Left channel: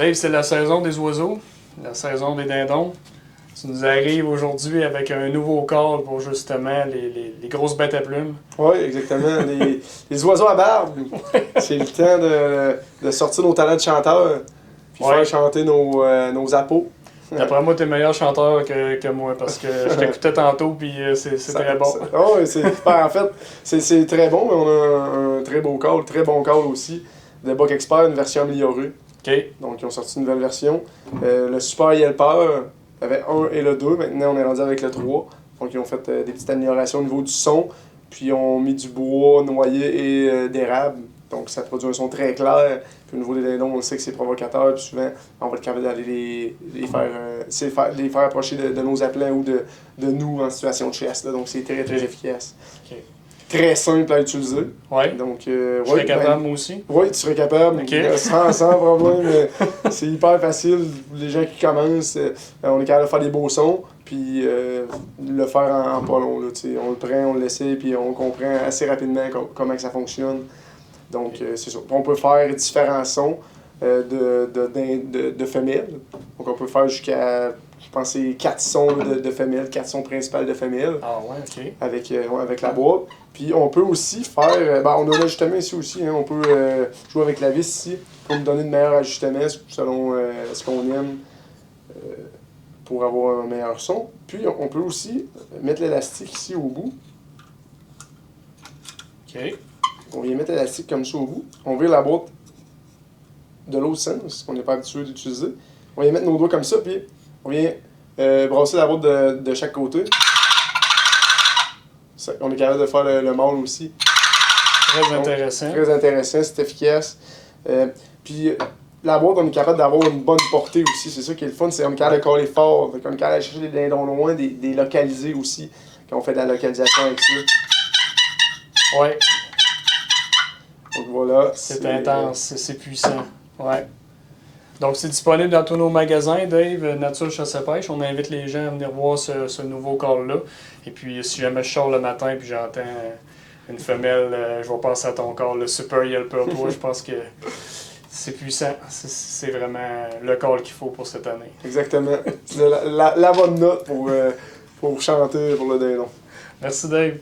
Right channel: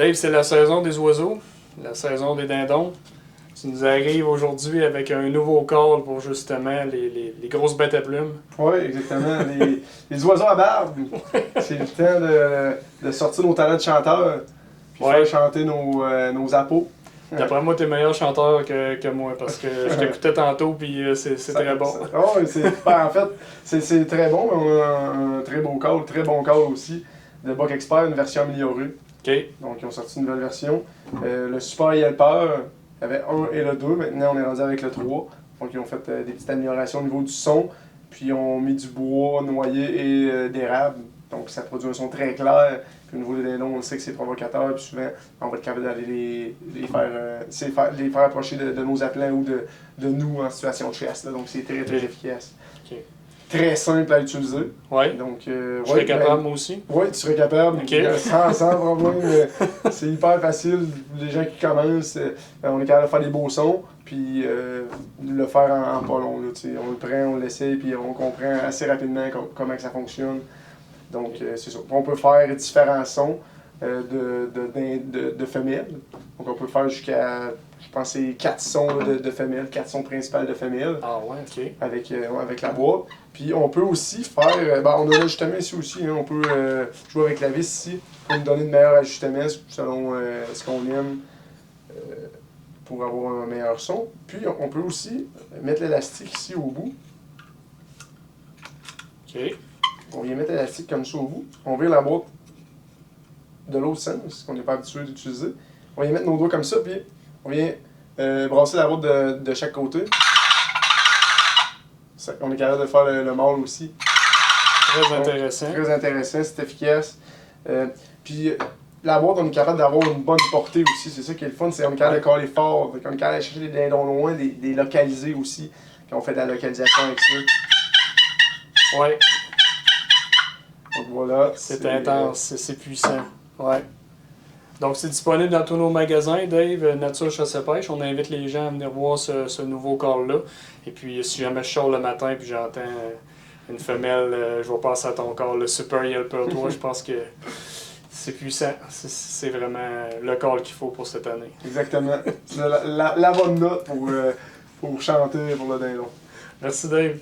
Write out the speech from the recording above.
Dave, c'est la saison des oiseaux, la saison des dindons. Tu nous arrives aujourd'hui avec un nouveau call pour justement les grosses bêtes à plumes. Oui, exactement. Les oiseaux à barbe. C'est le temps de sortir nos talents de chanteurs puis Ouais. faire chanter nos appos. D'après moi, t'es meilleur chanteur que moi parce que je t'écoutais tantôt puis c'est très bon. Oui, en fait, c'est très bon, mais on a un très beau call, très bon call aussi. De Buck Expert, une version améliorée. OK. Donc, ils ont sorti une nouvelle version. Le Super Yelper, il y avait 1 et le 2. Maintenant, on est rendu avec le 3. Donc, ils ont fait des petites améliorations au niveau du son. Puis, ils ont mis du bois noyé et d'érable. Donc, ça produit un son très clair. Puis, au niveau des dindons, on sait que c'est provocateur. Puis, souvent, on va être capable d'aller les faire approcher de nos appelants ou de nous en situation de chasse. Là. Donc, c'est très, très efficace. OK. Très simple à utiliser. Ouais. Donc, Je serais capable, moi aussi. Oui, tu serais capable, Ok. sans problème. C'est hyper facile. Les gens qui commencent, on est capable de faire des beaux sons, puis le faire en pas long. Là, on le prend, on l'essaie, puis on comprend assez rapidement comment que ça fonctionne. Donc, c'est ça. On peut faire différents sons de femelles. Donc, on peut faire jusqu'à, je pense, c'est 4 sons de femelles, 4 sons principaux de femelles. Ah ouais, OK. Avec la boîte. Puis on peut aussi faire, on a l'ajustement ici aussi, hein, on peut jouer avec la vis ici pour nous donner de meilleurs ajustements selon ce qu'on aime pour avoir un meilleur son. Puis on peut aussi mettre l'élastique ici au bout. OK. On vient mettre l'élastique comme ça au bout. On vire la boîte de l'autre sens, ce qu'on n'est pas habitué d'utiliser. On vient mettre nos doigts comme ça, puis on vient brasser la boîte de chaque côté. On est capable de faire le mâle aussi. Très intéressant. Très intéressant, c'est efficace. Puis la boîte, on est capable d'avoir une bonne portée aussi. C'est ça qui est le fun, c'est qu'on est capable de coller fort. On est capable d'aller chercher des dindons loin, des localiser aussi, quand on fait de la localisation avec ça. Ouais. Donc voilà. C'est intense, c'est puissant. Ouais. Donc, c'est disponible dans tous nos magasins, Dave, Nature Chasse et Pêche. On invite les gens à venir voir ce nouveau call-là. Et puis, si jamais je sors le matin et j'entends une femelle, je vais penser à ton call, le Super Yelper 3. Je pense que c'est puissant. C'est vraiment le call qu'il faut pour cette année. Exactement. La bonne note pour chanter pour le dindon. Merci, Dave.